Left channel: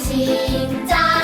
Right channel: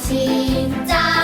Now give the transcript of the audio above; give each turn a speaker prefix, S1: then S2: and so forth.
S1: 진짜